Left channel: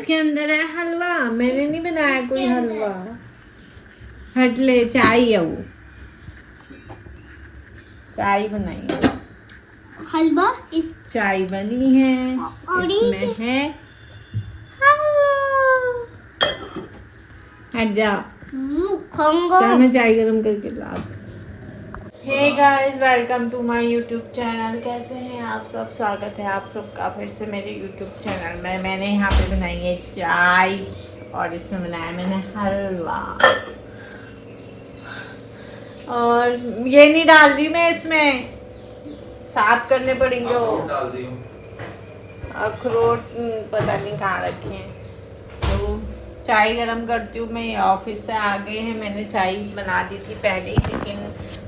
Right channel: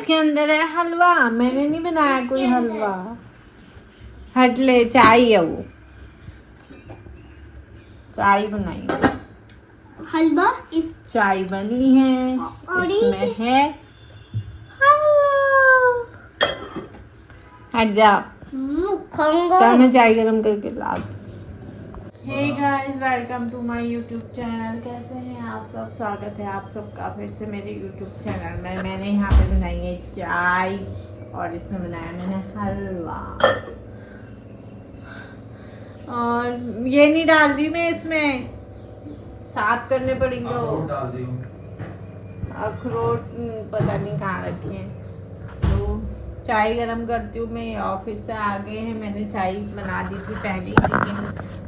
इसके अंदर है हलवा। मैंने नहीं बनाया कोई हलवा। हट ले, चाय है वो, चाय बनाई। हलवा इस चाय बनी है और इसमें है हट जा। चल मैं चाय गरम करके ला। Hey guys, welcome to my YouTube channel. कैसे हैं आप सब? स्वागत है आप सबका फिर से मेरे यूट्यूब चैनल में। मैंने यहाँ पे बनाई है चाय और इसमें बनाया मैंने हलवा। और ये नहीं डाल दी मैं, इसमें साफ करने पड़ेंगे। अखरोट पता नहीं कहाँ रखे हैं। तो चाय गरम करती हूँ मैं। ऑफिस से आ गए हैं। मैंने चाय बना दी थी पहले ही, लेकिन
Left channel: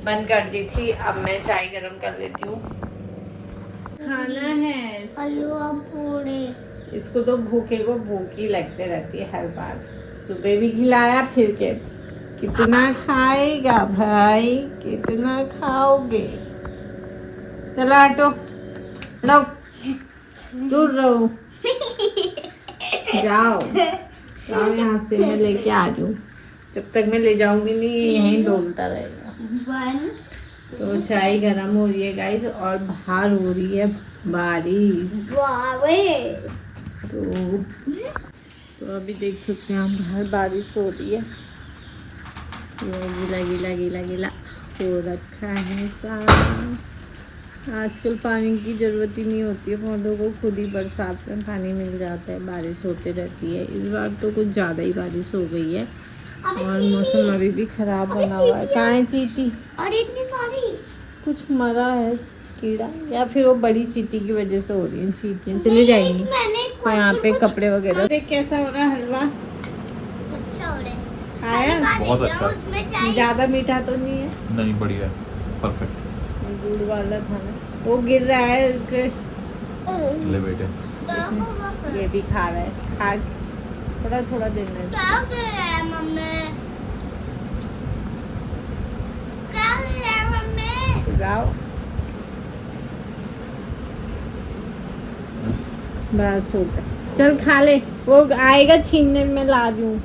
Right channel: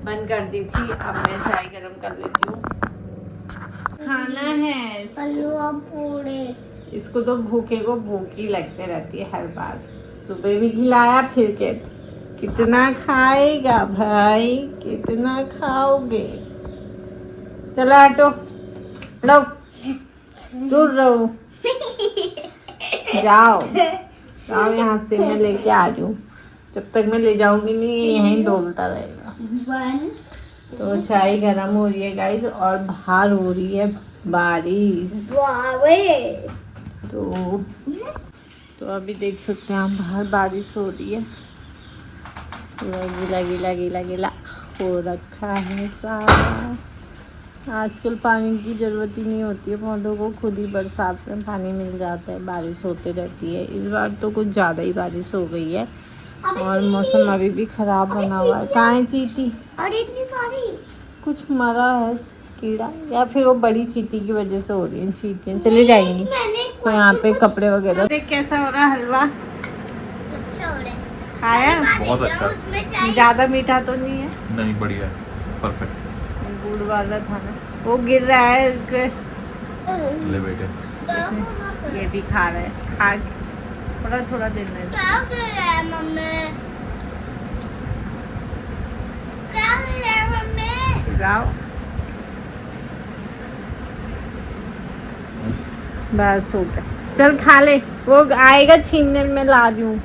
बंद कर दी थी। अब मैं चाय गरम कर लेती हूँ। खाना है हलवा पूरे। इसको तो भूखे को भूख ही लगते रहती है हर बार। सुबह भी खिलाया, फिर के कितना खाएगा भाई, कितना खाओगे? चलो हटो, लो दूर रहो, जाओ जाओ यहाँ से। मैं लेके आ जाऊँ, जब तक मैं ले जाऊंगी नहीं ये यहीं डोलता रहेगा। तो चाय गरम हो रही है गाइस और बाहर हो रही है बारिश। तो अभी देख सकते हैं आप, बाहर बारिश हो रही है। गीला गीला गीला गीला हो रखा है सारा। आजकल पानी की ज़रूरत ही नहीं होती है पौधों को, खुद ही बरसात में पानी मिल जाता है। बारिश होती रहती है। इस बार तो कुछ ज़्यादा ही बारिश हो गई है और मौसम अभी भी ख़राब बना हुआ है। कहाँ है चींटी? और इतनी सारी कुछ मरा है कीड़ा, या फिर वो बड़ी चींटी की वजह से हो रही है। चींटियाँ चली जाएंगी। तो यहाँ पे कपड़े वगैरह देख कैसा हो रहा है हलवा। अच्छा हो रहा है। खाया? बहुत अच्छा। ज़्यादा मीठा तो नहीं है? नहीं, बढ़िया है, परफेक्ट। गुड़ वाला था ना, वो गिर रहा है क्रश। ले बेटे, ये भी खा रहे हैं। खा थोड़ा थोड़ा देना है। क्या कर रहा है मम्मी? क्या कर रहा है मम्मी? जाओ बस हो गया। चल खा ले, वो आएगा छीनने में ला दूँ।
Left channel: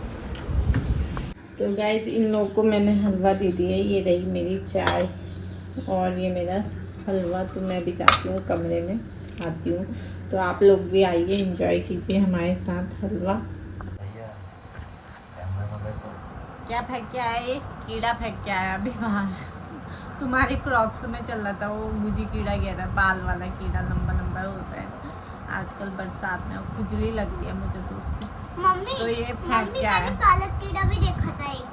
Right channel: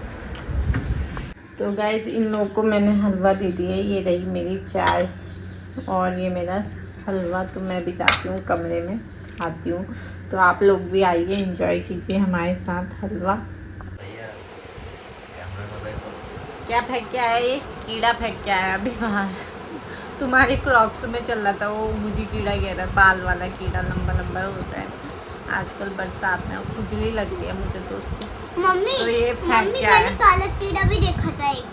तो गाइस इन लोगों को मैंने हलवा दे दिया। ये रही मेरी चाय और ये मेरा हलवा। तो मैं भी जाती हूँ कमरे में, आती हूँ। तो आप लोग भी आइए, एंजॉय कीजिए हमारे साथ हलवा। क्या फेंक के आया? ये कीड़ा फेंक के आया अभी बाहर। तुम्हारी क्रॉक्स में चल रहा था वो, मुझे कीड़ा कह रहा, बाल वाला कीड़ा, लंबा लंबा होता है। आजकल बरसात में खुजली लगती है मुझे तो उससे। मम्मी तो ये फेंक मम्मी के मैंने आया। काला कीड़ा भी देखा था एक।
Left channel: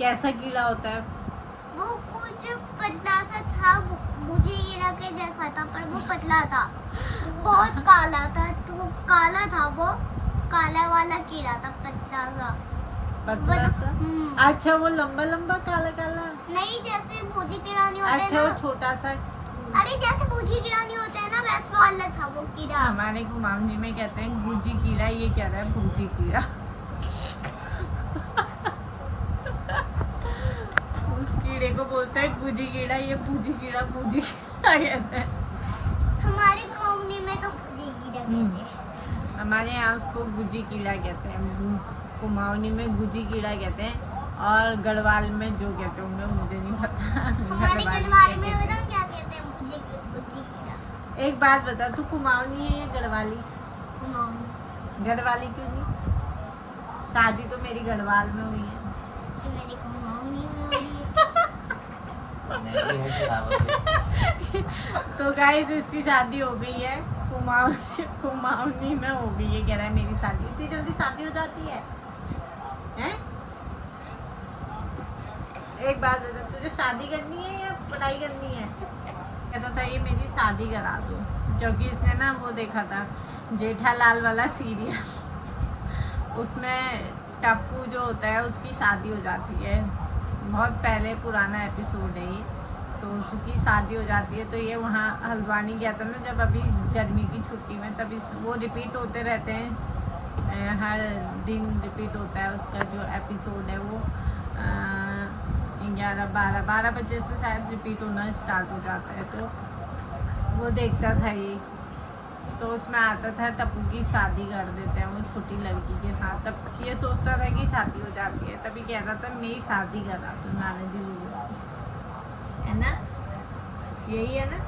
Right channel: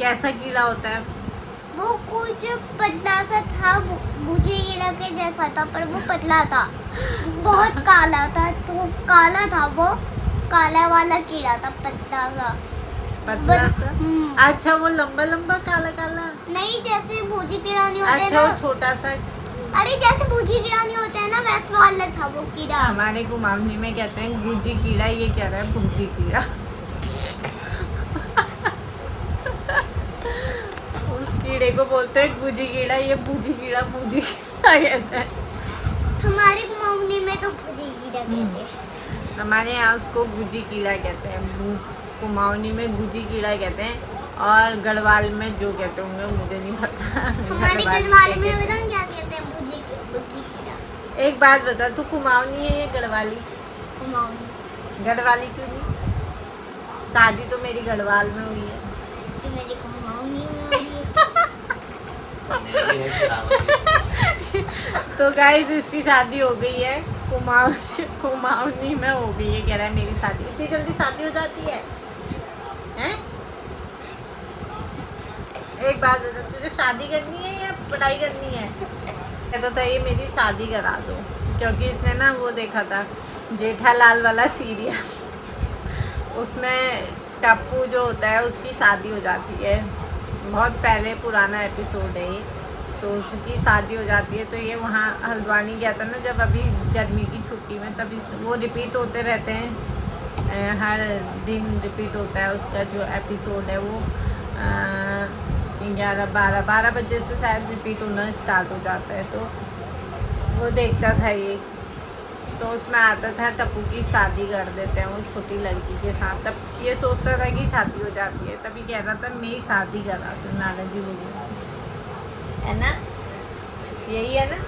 कैसा कीड़ा होता है? वो कुछ पतला सा था, मुझे कीड़ा के जैसा था, पर वो पतला था, बहुत काला था। तो काला था वो, काला वाला कीड़ा था, पतला सा। पतला सा? हम्म। अच्छा, वो लंबा लंबा काला काला? नहीं, जैसे भूजी कीड़ा नहीं होते अच्छा, ना। वो छोटा सा। अरे जैसे भूजी कीड़ा नहीं होते हैं ना, वैसे वाला था वो कीड़ा। हमारे कुमाऊनी में कहते हैं गुजी कीड़ा, ये कह रहा है भूजी कीड़ा। उस कीड़े को बोलते हैं गुजी कीड़ा, ये भूजी कीड़ा, भूजी कीड़ा कहते हैं। हमारे कुमाऊनी में तो भूजी कीड़ा कहते हैं। हमारे यहाँ उसको गुजी कीड़ा कहते हैं। कुमाऊनी में गुजी कीड़ा कहते हैं और गढ़वाल में जो कहते होंगे मुझे नहीं पता। हमारे गढ़वाल में पता नहीं क्या कहते हैं, भूजी कीड़ा। एक बात बता, तू कुमाऊनी है या गढ़वाली? कुमाऊनी। गढ़वाली क्यों? शादी तो मेरी गढ़वाल में हुई है। तो मेरी कुमाऊनी में तो गाइस इसकी शादी हो गई है, कुमाऊनी में हो गई है। कह रहा है मेरी शादी। इतनी जल्दी शादी हो जाती है? हैं? एक बात बता, तुझे शादी करनी है या पढ़ाई करनी है? कहता था ये मेरी शादी करा दो, क्योंकि इसने ना वो देखा था जेठालाल वाला सीरियल। उसमें टप्पू जो होता है उसकी शादी हो जाती है। बहुत पहले पुराना एपिसोड है ये। तो उसकी शादी हो जाती है। तो ये वहाँ हल्द्वानी गया था ना जब, अभी गर्मी की छुट्टी में, तभी वो रिपीट होते रहते हैं। हर दिन रिपीट होता है उसका जो एपिसोड है वो। 11-12 बजे से शायद रिपीट होना स्टार्ट हो जाता है। तो वो देखता था ये। तो उसमें आता था टप्पू की शादी कर देते हैं वो छोटी लड़की के साथ। तब ये सोचता था कि शादी हो जाती है, तभी कह रहा था मेरी शादी करा दो नाराजी लोगों को, है ना? यही है ना,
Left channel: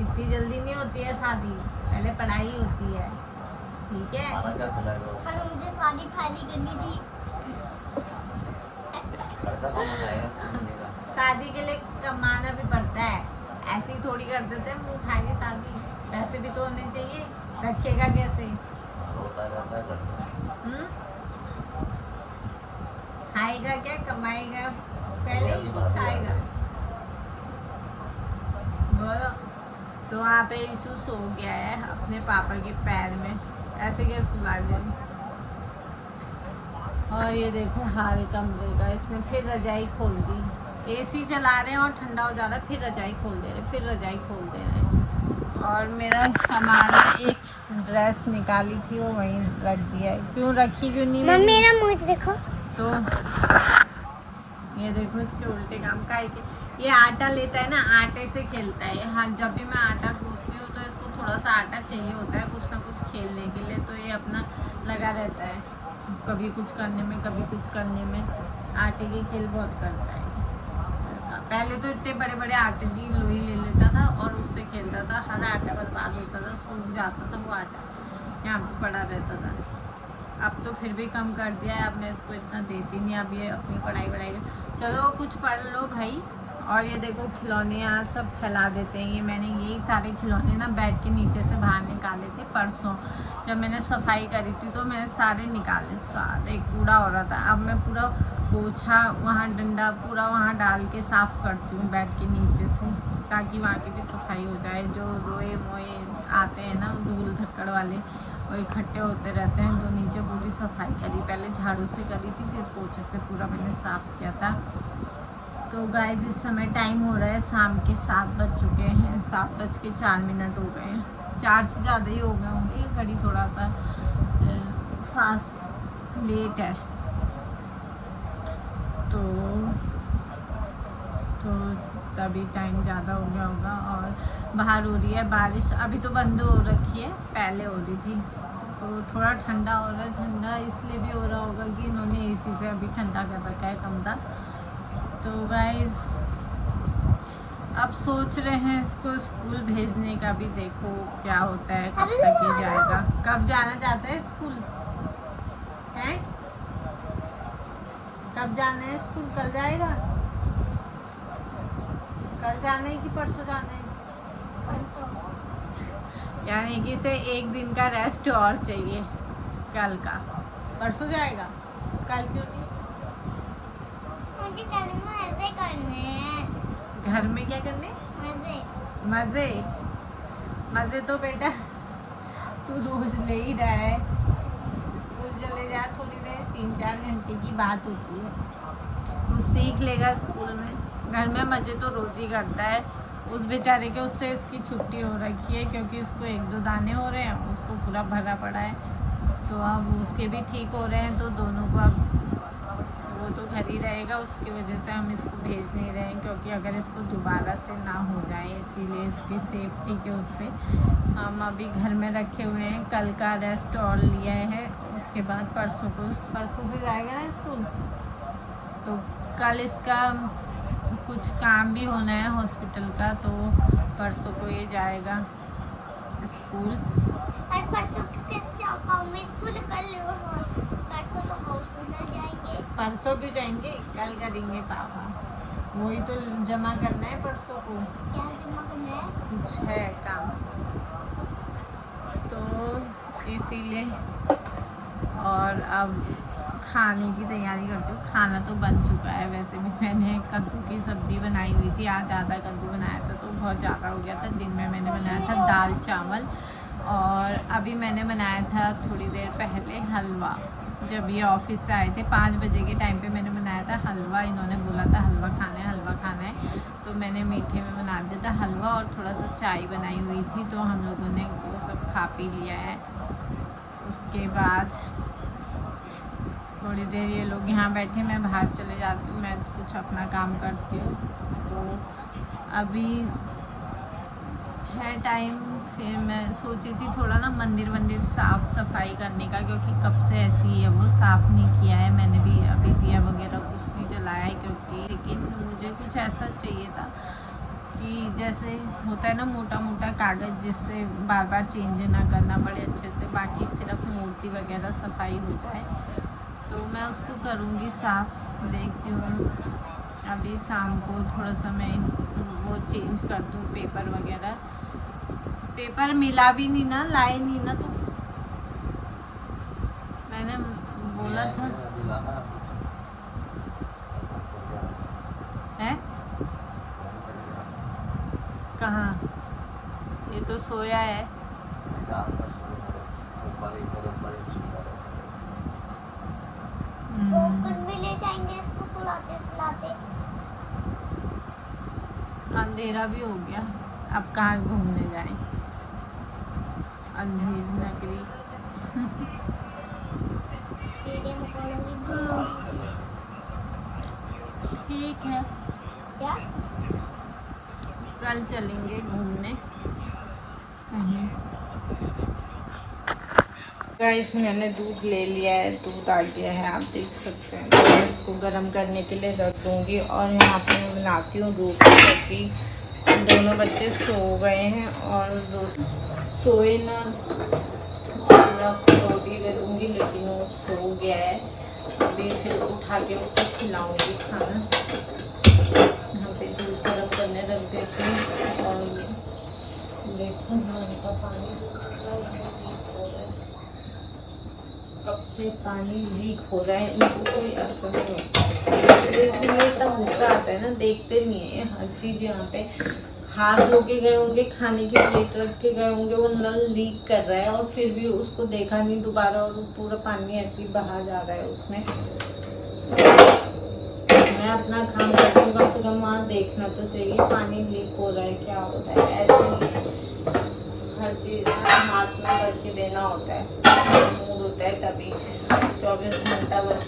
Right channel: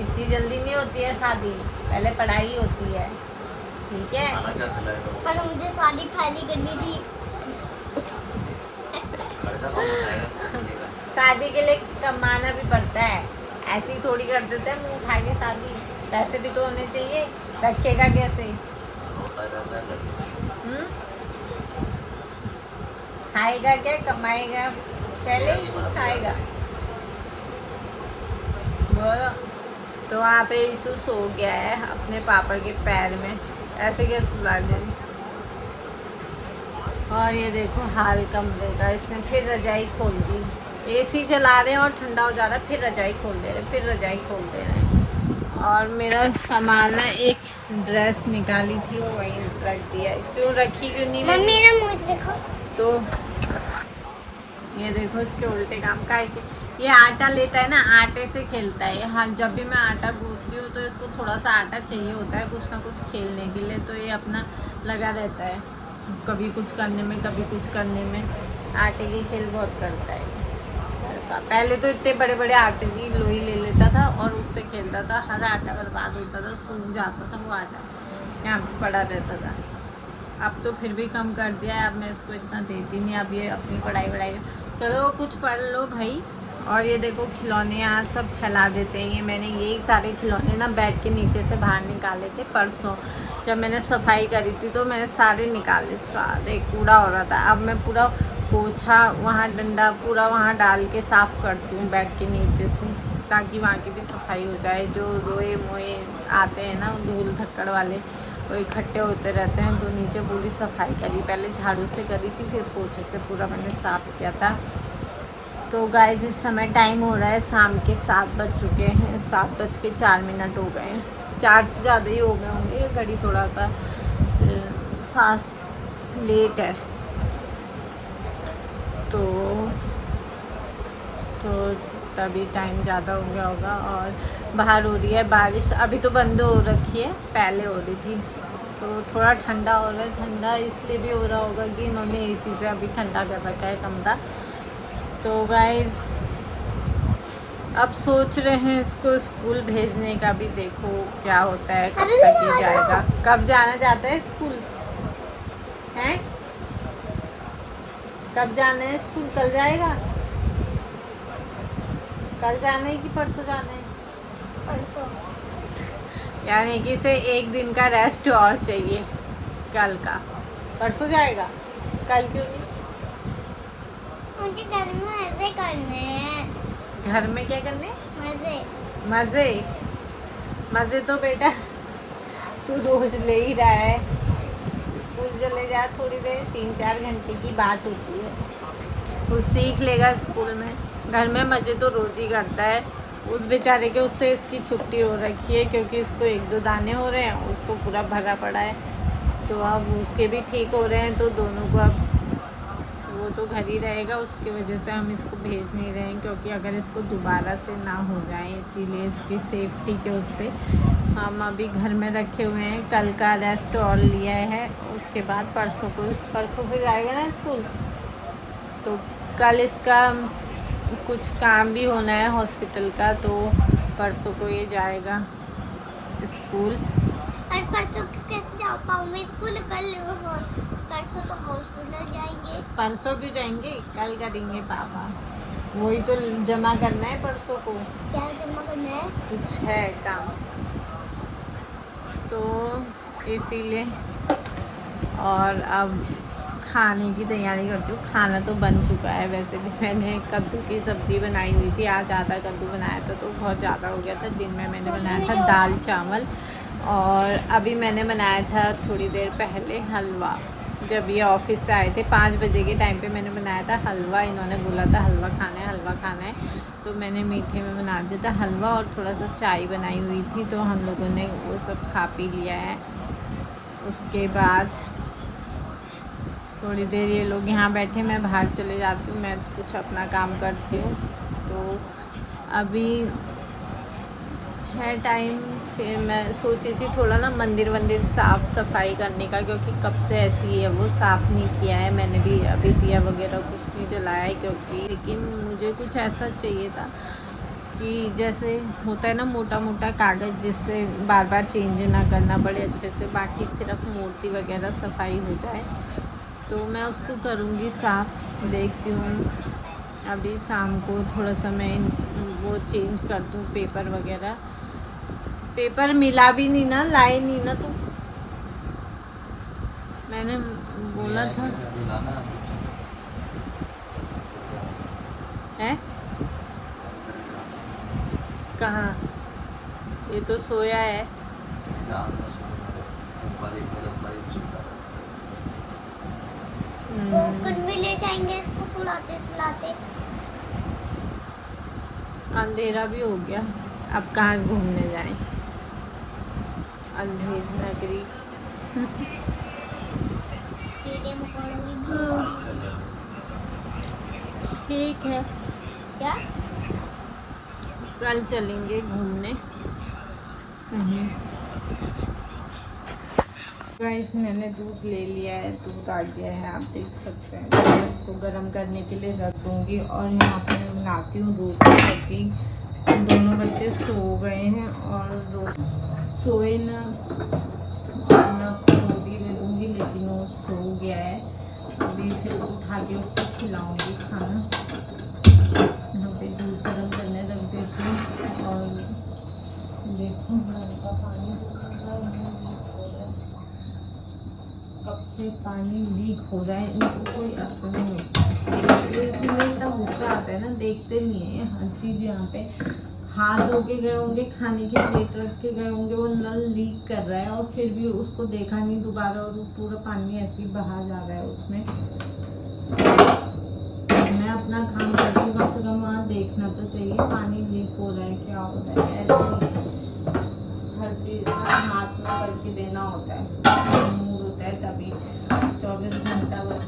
इतनी जल्दी नहीं होती है शादी, पहले पढ़ाई होती है, ठीक है? खाना क्या खिलाएगा? पर मुझे शादी पहले करनी थी। खर्चा कौन उठाएगा इसका मिलेगा? शादी के लिए कमाना भी पड़ता है, ऐसे ही थोड़ी कर देते हैं मुँह उठा के शादी। पैसे भी तो होने चाहिए, रखेगा कैसे? होता रहता है घर में। खाएगा क्या, कमाएगा पहले ही तो खाएगा। बोलो। तो वहाँ पे यीशु सो गया है अपने पापा के पैर में, ऐसे क्या सुला दें। और ये देखो हाल कमरे का, इसने फिर रजाई खोल दी। एसी चला रहे हैं और ठंडा हो जा रहा है, फिर रजाई खोल दे रहे, फिर रजाई खोल दे रहे। और मेरा सामान है, एक ड्रेस निकाली थी वो वहीं रख दिया है। क्यों रखी, क्यों नहीं मम्मी मैंने? मेरा मुंह देखो। तो ये देखो इसके उल्टे काम का है। ये आटा लेता है ना, आटे से खेलता है। हाँ, जब भी मैं आटा गूंथती हूँ तो इसको थोड़ा सा आटा चाहिए होता है कुछ ना कुछ खेलने के लिए, तो ये अपना लगा रहता है, कभी कुछ करने में कभी कुछ करने में। आटे की खेल बहुत करता है। पहले तो इतने बड़े बड़े आटे की लोई ले लेता था और उससे खेलता था, हर आटा बर्बाद होता था, सूख जाता था वो आटा, यहाँ पे पड़ा रहता था। अब तो फिर भी कम कर दिया है, अब मैं इसको इतना देती नहीं, अब ये अपनी पढ़ाई चलो कुछ पढ़ लो भाई। और ये देखो खिलौने आज सब फैला देते हैं। ये मैंने यही सारे खिलौने ना बेड के नीचे से बाहर निकाले थे परसों, जब मैंने सफाई करी थी तो मैंने सारे निकाले, सारे कूड़ा हो रहा था। अब मैं पूरा पोछा वहाँ डंडा पूरा वहाँ डाल के साफ़ करती हूँ बेड के नीचे से, ताकि वहाँ की भी सफाई हो जाए। जो रोए मोए आते हैं ना धूल धक्कड़ वाले, वो इकट्ठे होते रहते हैं, तो नीचे पूरी सफाई करी। पहले झाड़ू से करी थी, फिर पोछे से पूरा मैंने साफ़ किया था। तो गाइस इस समय टाइम हो रहा है शाम के 7 बज चुके हैं, 7:04 हो गए हैं, 4 से ज़्यादा ही हो गए होंगे। ये घड़ी थोड़ा सा फास्ट लेट है, तो तभी टाइम ज़्यादा हो गया होगा। और बाहर हो रही है बारिश, अभी तो बंद हो रखी है, पहले हो रही थी। तो थोड़ा ठंडा हो रहा है, ठंडा इसलिए भी हो रहा होगा कि इन्होंने एसी से अभी ठंडा कर रखा है कमरा। तो गाइस अब सोच रहे हैं इसको स्कूल भेजने का भी, देखो क्या होता है, कब तक ही जाएगा। कब जाना चाहता है स्कूल, हैं? कब जाना है स्कूल? कल जाएगा? कल जाना है कि परसों जाना है? परसों। यानी कि इसे एक दिन का रेस्ट और चाहिए कल का। परसों जाएगा, कल क्यों नहीं? मुझे घर में ऐसे करने हैं। घर में क्या करने? मजे। मज़े मज़े तो बेटा तू रोज ले ही रहा है। स्कूल चले जा थोड़ी देर, 3-4 घंटे की बात होती है, तो सीख लेगा स्कूल में। घर में मज़े तो रोज ही करता है। उस बेचारे के उससे इसकी छुट्टी हो रखी है, क्योंकि इसको 1-2 दाने हो रहे हैं, उसको पूरा भरा पड़ा है। तो अब उसके भी ठीक हो रहे हैं, तो दोनों को अब वो तो घर ही रहेगा। उसकी वजह से हम इसको भेज नहीं रहे हैं, क्योंकि अगर इसको दोबारा से ना हो जाए, इसीलिए इसकी सेफ्टी के उससे हम अभी घर में रखे हुए हैं। कल का रेस्ट और लिया है, उसके बाद परसों से जाएगा ना स्कूल। तो कल इसका कुछ काम भी होना है हॉस्पिटल का, तो परसों को ये जाएगा स्कूल। और परसों कैसे जा पाऊंगी स्कूल? कल परसों तो हॉस्पिटल जाएंगे। परसों क्यों जाएंगे, कल करेंगे पापा। वही तो जमा करना है परसों को, क्या जमा करना है? कुछ है काम, तो इसीलिए। और अब खाने की तैयारी करती हूँ। खाना तो बन चुका है, वैसे भी मैंने कद्दू की सब्ज़ी बनाई हुई थी। आज ज़्यादा कद्दू बनाया था, तो बहुत ज़्यादा हो गया था। दिन में मैंने बनाया था दाल चावल, और अभी मैंने बनाया था थोड़ी देर पहले हलवा। जब ये ऑफिस से आए थे 5 बजे के टाइम पे मैंने बनाया था हलवा। इन्होंने बोला था हलवा खाना है, तो मैंने मीठे में बना दिया था हलवा, और थोड़ा सा चाय बनाई हुई थी, तो हम लोगों ने वो सब खा पी लिया है। उसके बाद थोड़ी देर ये लोग यहाँ बैठे, मैं बाहर चले जाती हूँ, मैं कुछ अपना काम करती हूँ। तो अभी है टाइम। फिर मैं सोची थी थोड़ा ना मंदिर वंदिर साफ़ सफाई करने का, क्योंकि कब से ऐसी है वो साफ़ नहीं किया है मैंने भी, अभी दिया वगैरह कुछ नहीं जलाया है क्योंकि, लेकिन मुझे कुछ ऐसा चाहिए था कि जैसे होता है ना मोटा मोटा कागज़, जिससे बार बार चेंज ना करना पड़े, अच्छे से बाकी सिर्फ मूर्ति वगैरह सफाई हो जाए। तो मैं उसको करूँगी साफ़, देखती हूँ अभी शाम को थोड़ा सा मैं वो चेंज कर दूँ पेपर वगैरह। पेपर मिला भी नहीं ना, लाए नहीं ना, तो मैंने बोला था है कहाँ, ये तो सोया है। कोकण भी ले जाएंगे इसको सुलाते सुलाते। अंधेरा भी हो गया, अब कहाँ घूमने जाएं, अंधेरी नगरी। कीड़े मकोड़े ठीक है, क्या? कल चलेंगे घूमने कहीं। गाइस मैंने दूध ले लिया है, दूध आ गया है, आप देख सकते हैं। मैं इसको गर्म करने के लिए रख दूँगी और यहाँ पे मैं बनाती हूँ रोटी, क्योंकि दोनों बच्चे सो गए हैं और सोए ना, और मैं उसको रोटी दे दूँगी, लेकिन वो सो गया है। अभी फिर उठा के उसको खिलाऊँगी खाना। यहाँ पे दूध गर्म करने रख देती हूँ और देखो उनको पानी कब से पानी लीक हो रहा है, इनको कोई असर नहीं होता। इतना गुस्सा आता है ना, देखते नहीं है हर चीज़। यहाँ पे हाथ धो के गए होंगे, खाने की प्लेट रख के गए होंगे, वो नल लीक कर रहा है और फिर भी उसको देखा नहीं दोबारा, और पूरा पानी ऐसे ही बहा जा रहा है उसमें। मैं अपना काम करती हूँ, कम से कम वहाँ देखना तो चाहिए पानी लीक हो रहा है, क्या हो रहा है। ऐसे हर चीज़ हाथ में करके देना होता है, मूड होता है तभी 24 घंटा बस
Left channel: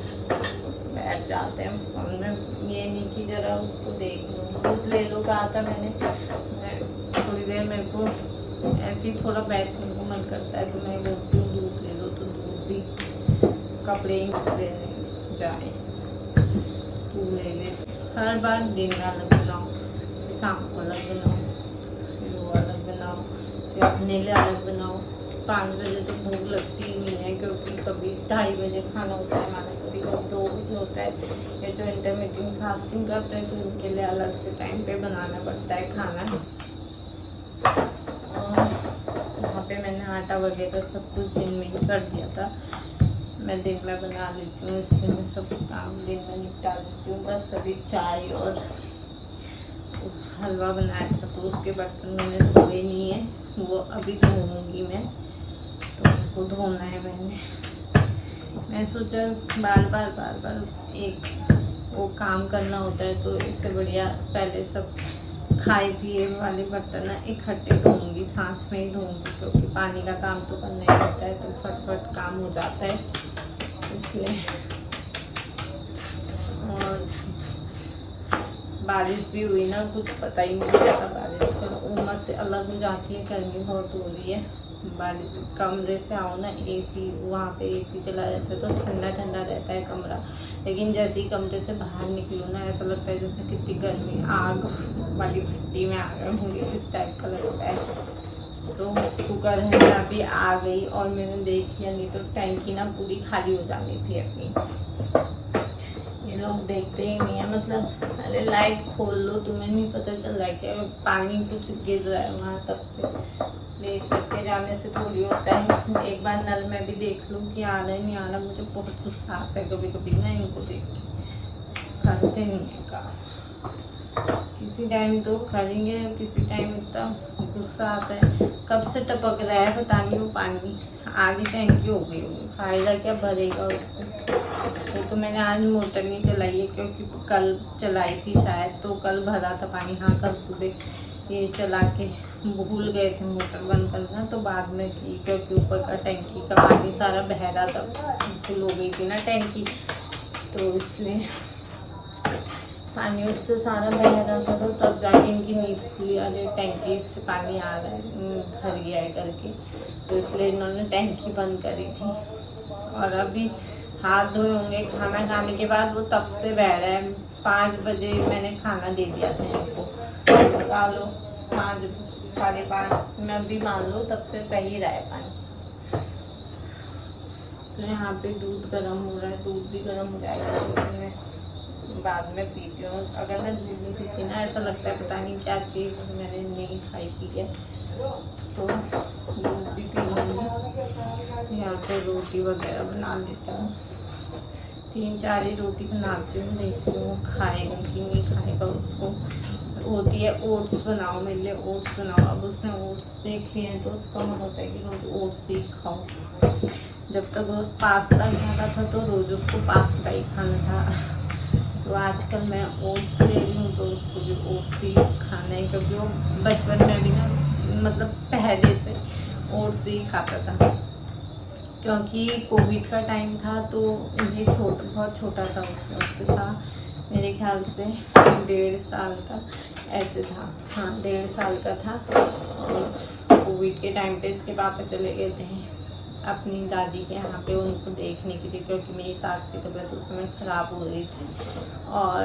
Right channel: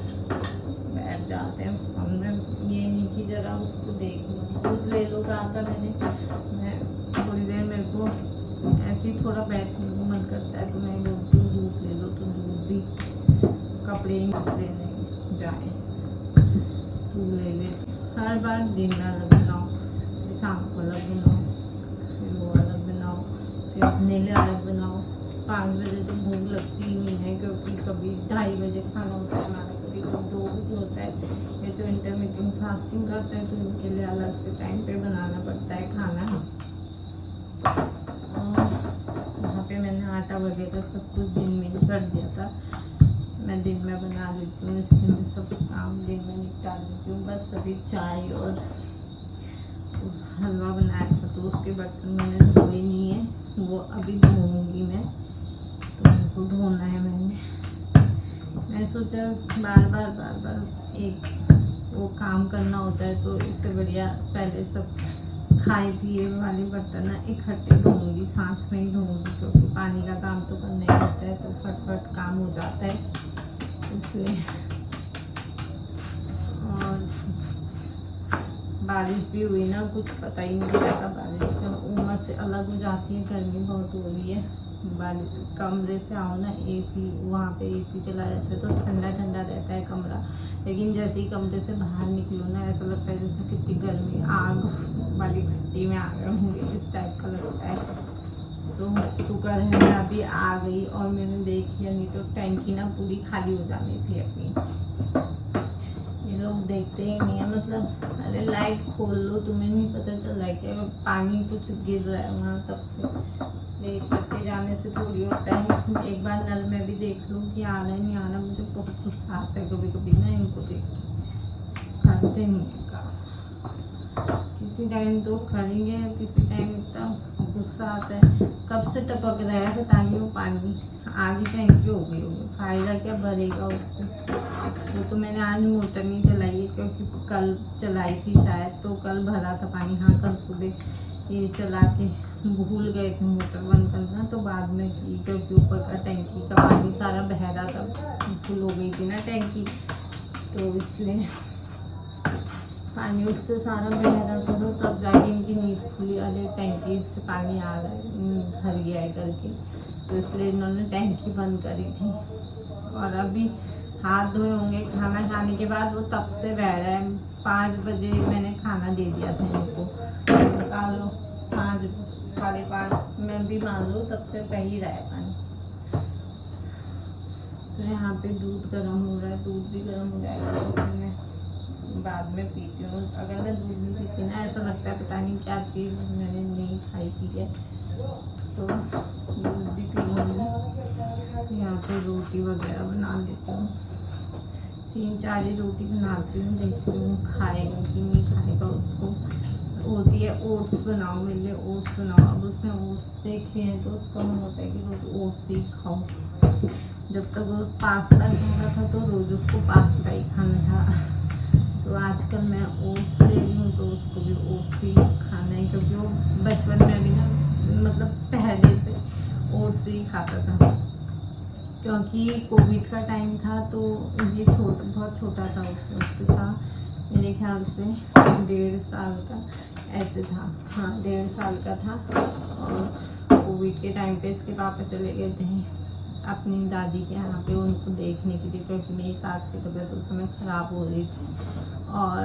बैठ जाते हैं फोन में। ये नहीं कि जरा उसको देख लो, दूध ले लो, कहा था मैंने। मैं थोड़ी देर मेरे को ऐसे ही थोड़ा बैठने को मन करता है, तो मैं बोलती हूँ दूध ले लो, तो दूध भी कपड़े ही लेने जाए, तू ले ले। हर बार दिन में अलग बनाओ, शाम को अलग बनाओ, फिर वो अलग बनाओ, फिर अपने लिए अलग बनाओ। 5 बजे तो भूख लगती ही नहीं है, क्योंकि कभी 2:30 बजे खाना होता है हमारा, कभी कभी 2 बजे होता है। ये तो इंटरमीडिएट फास्टिंग करते हैं, तो उनके लिए अलग से टाइम पे बनाना पड़ता है खाना। और वहाँ पे मैंने आटा वगैरह सब कुछ दिन में ही कर दिया था, मैं दिन में बना लेती हूँ, इसलिए मैं सब काम दिन में निपटा लेती हूँ। बस अभी चाय और हलवा बनाया था, तो उसके बर्तन मैंने धोए नहीं है, वो अभी धोऊंगी मैं, तो उनको धोना है मैं सोचा बार बार एक वो काम करना होता है, तो इससे बढ़िया पहले सब खाए पिए वाले बर्तन ना इकट्ठे धोऊंगी, साथ में ही धोऊंगी, क्योंकि पानी का काम तो करना ही होता है, तो फटफट काम हो जाता है इसलिए। और बारिश भी हुई ना, कुछ पता ही नहीं चलता बारिश का, उमस से अलग हो जाती है, गर्मी बहुत हो रही है। बारिश कमरे से आओ ना, एसी वहाँ पे एसी चला जाता है तो ठंडा ठंडा रहता है कमरा, लेकिन जैसे ही कमरे से बाहर निकलो ना, ऐसा लगता है जैसे कितनी गर्मी, आग वाली भट्टी में आ गए होंगे, इस टाइप का लगता है। तो शुक्र है मैं अभी आ गई और मैंने देख लिया, नहीं तो टैंकी ना पूरी खाली हो जानी थी अपनी। ये लोग देखते ही नहीं है, मतलब अरे लाइट खोल लो, तुम्हें नहीं पता चल रहा है क्या पानी कुछ गिर रहा है वहाँ, तब से ले करके जाने से थोड़ी होता है। एक बार नल में भी देख लो कि आ रहा है नहीं आ रहा, मुझे बहुत गुस्सा आता है कभी कभी ना इनको देख के, करते नहीं है काम। किसी टाइम तो करेंगे, किसी टाइम इतना गुस्सा आता है, कब से टपक रहा है पता नहीं वो पानी, आधी टैंकी हो गई होगी, फायदा क्या भरेगा उसको। वो तो मैंने आज मोटर नहीं चलाई है, क्योंकि कल चलाई थी शायद, तो कल भरा था पानी। हाँ कल सुबह ये चला के भूल गए थे मोटर बंद करना, तो बाद में की, क्योंकि ऊपर का टैंकी का पानी सारा बह रहा था, फुल हो गई थी ना टैंकी, तो इसलिए पानी उससे सारा बह रहा था, तो तब जाके इनकी नींद खुली। अरे टैंकी से पानी आ रहा है, भर गया है करके, तो इसलिए इन्होंने टैंकी बंद करी थी। और अभी हाथ धोए होंगे खाना खाने के बाद, वो तब से बह रहा है। 5 बजे मैंने खाना दे दिया था इनको, लगा लो 5 साढ़े 5 में अभी मान लो, तब से बह ही रहा है पानी। तो यहाँ पे दूध गर्म हो रहा है, दूध भी गर्म हो जाएगा तो मैं बाद में पीती हूँ। अगर मैं दूध नहीं पीती ना, ऐसा लगता है पता नहीं क्या चीज़ मैंने नहीं खाई पी है, तो दूध भी पी लूँगी। यहाँ पे रोटी वगैरह बना लेती हूँ, 3-4 ही रोटी बनाती हूँ, देखती हूँ खाएगा कि नहीं खाएगा। उसको होती है ओट्स बनाओ मेरे लिए, ओट्स बनाओ। अब उसने ओट्स देख लिए हैं तो उसका मन होता है कि रोज ओट्स ही खाओ। जब तक वो पास्ता खाता था तो रोज़ उसको पास्ता ही खाना था, तो आजकल मैं ओट्स ले रही हूँ तो उसको भी ओट्स ही खाना है, क्योंकि वो बचपन में भी ना, मतलब पहले से ओट्स ही खाता था। क्योंकि कोविड का टाइम था तो ये बहुत छोटा था, उस वक्त था मेरे ख्याल से 1.5 साल का, ऐसे था, हाँ 1.5 साल का था। और कोविड के टाइम पे इसके पापा चले गए थे अपनी दादी के यहाँ पे उनको देखने के लिए, क्योंकि मेरी सास की तबीयत उस समय ख़राब हो रही थी, और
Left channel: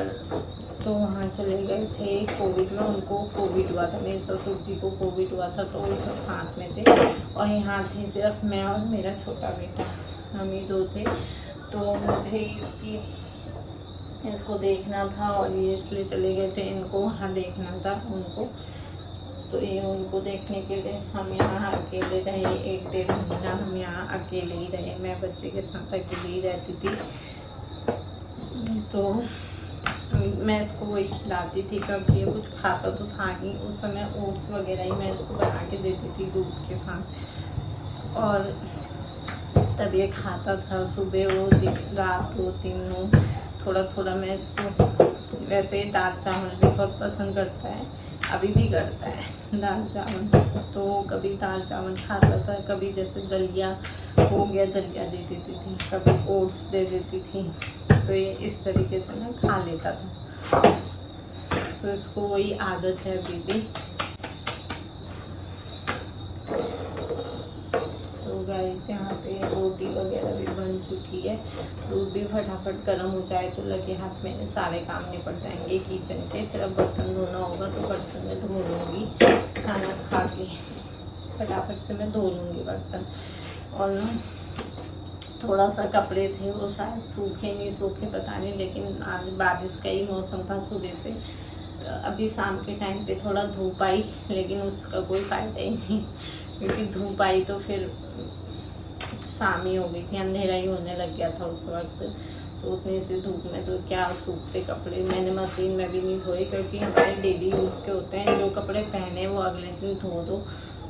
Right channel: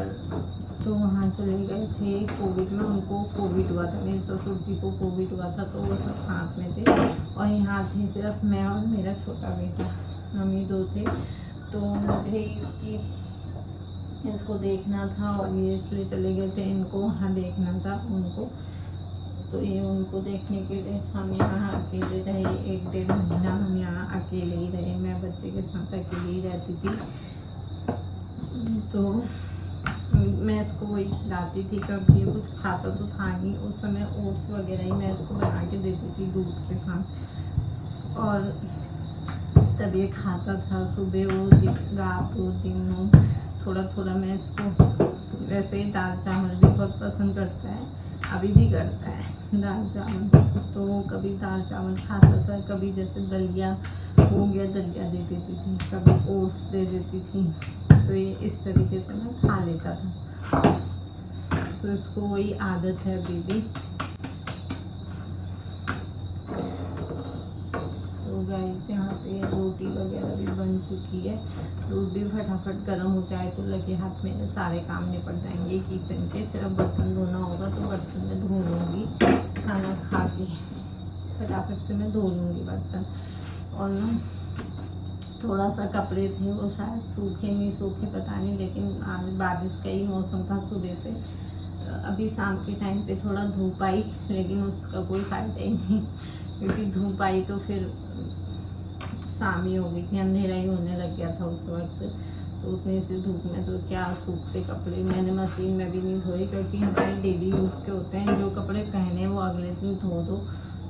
तो वहाँ चले गए थे कोविड में। उनको कोविड हुआ था, मेरे ससुर जी को कोविड हुआ था, तो वो सब साथ में थे, और यहाँ थे सिर्फ मैं और मेरा छोटा बेटा, हम ही 2 थे। तो मुझे इसको देखना था, और ये इसलिए चले गए थे, इनको वहाँ देखना था उनको। तो ये उनको देखने के लिए हम यहाँ अकेले रहे, 1-1.5 महीना हम यहाँ अकेले ही रहे। मैं बच्चे के साथ अकेले ही रहती थी, तो मैं इसको वही खिलाती थी, क्योंकि ये कुछ खाता तो था नहीं उस समय। ओट्स वगैरह ही मैं इसको बना के देती थी दूध के साथ, और तब ये खाता था। सुबह हो, रात हो, दिन हो, थोड़ा थोड़ा मैं इसको, वैसे दाल चावल भी बहुत पसंद करता है, अभी भी करता है दाल चावल, तो कभी दाल चावल खाता था, कभी जैसे दलिया हो गया दलिया दे देती थी, कभी ओट्स दे देती थी, तो ये इस तरीके से मैं खा लेता था। तो इसको वही आदत है अभी भी। तो गाइस यहाँ पे रोटी वगैरह भी बन चुकी है, दूध भी फटाफट गर्म हो जाए तो लगे हाथ मेरे सारे काम निपट जाएंगे किचन के। सिर्फ बर्तन धोना होगा तो बर्तन में धो लूँगी, खाना खा के फटाफट से मैं धो लूँगी बर्तन। और ना थोड़ा सा कपड़े थे, वो शायद सूखे नहीं सूखे पता नहीं, लेकिन आज बारिश का ही मौसम था सुबह से, तो अभी शाम के टाइम पे थोड़ा धूप आई, लेकिन उसका कोई फ़ायदा ही नहीं, क्योंकि धूप आई तो फिर शाम ही हो गई थी, अंधेरा ही होने लग गया था उस वक्त। तो उतनी सी धूप में तो क्या सूखते कपड़े, मैंने मशीन में भी नहीं धोए, क्योंकि हमारे डेली यूज़ के होते हैं, जो कपड़े पहने वो अगले दिन धो दो,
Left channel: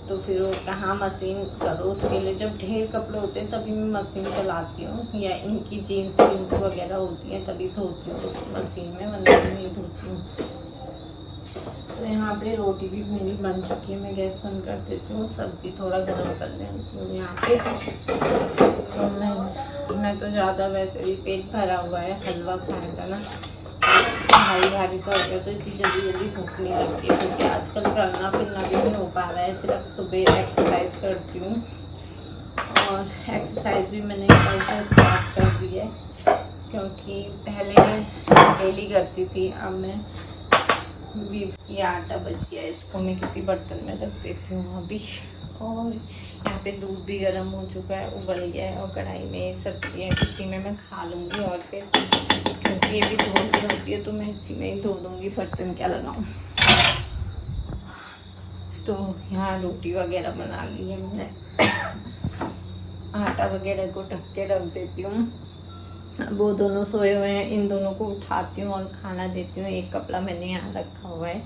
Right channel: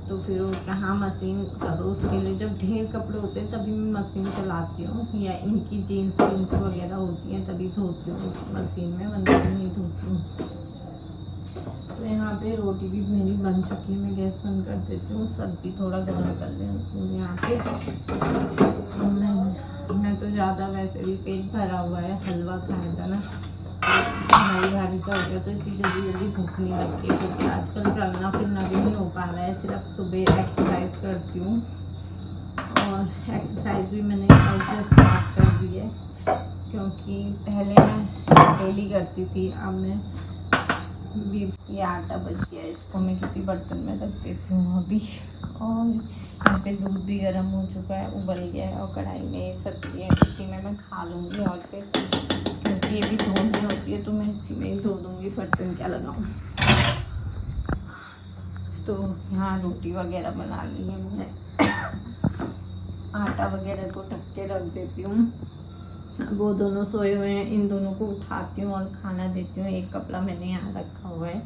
तो फिर वो कहाँ मशीन करो उसके लिए। जब ढेर कपड़े होते हैं तभी मैं मशीन चलाती हूँ, या इनकी जीन्स वगैरह होती हैं तभी धोती हूँ मशीन में, वरना नहीं धोती हूँ। तो यहाँ पे रोटी भी मेरी बन चुकी है, मैं गैस बंद कर देती हूँ, सब्ज़ी थोड़ा गर्म कर लेती हूँ यहाँ पे। तो मैं तो ज़्यादा, वैसे भी पेट भरा हुआ है, हलवा खाने का ना भारी भारी सा हो गया, तो इतनी जल्दी भूख नहीं लगती है, क्योंकि आजकल चलना फिरना भी नहीं हो पा रहा है। सिर्फ सुबह एक्सरसाइज करती हूँ, और एक्सरसाइज भी मैंने कल से स्टार्ट कर दी है, क्योंकि पहले मैं डेली करती थी, अब मैं भी। ये आटा बच गया है, इसको मैं किसी बर्तन में रख देती हूँ अभी। और यहाँ पे दूध भी गर्म हो चुका है, उबल गया है, और कढ़ाई में सब्जी है, इसी में मैं खा लूँगी। और फिर क्योंकि ये भी धोनी होती है तो मैं इसी में ही धो दूँगी, बर्तन क्या लगाऊँ। तो यहाँ रोटी वगैरह बना ली है मैंने, आटा वगैरह को ढक के रख देती हूँ। वो दोनों सोए हुए हैं, इन दोनों को उठाती हूँ और खाना देती हूँ। एक कपड़ा मैंने यहाँ रखा हुआ है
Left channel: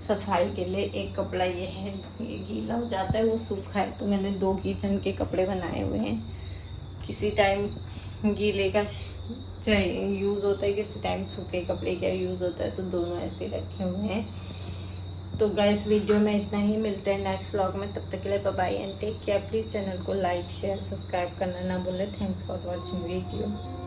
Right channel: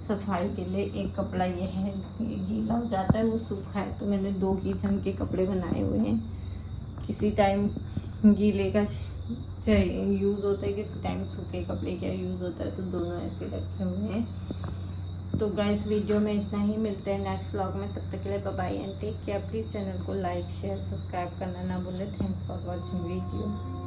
सफाई के लिए, एक कपड़ा ये है, ये गीला हो जाता है, वो सूखा है, तो मैंने 2 किचन के कपड़े बनाए हुए हैं। किसी टाइम गीले का यूज़ होता है, किसी टाइम सूखे कपड़े का यूज़ होता है, तो दोनों ऐसे रखे हुए हैं। तो गाइस वीडियो में इतना ही, मिलते हैं नेक्स्ट व्लॉग में, तब तक के लिए bye bye and take care. Please channel को लाइक शेयर सब्सक्राइब करना ना भूलें। Thanks for watching video.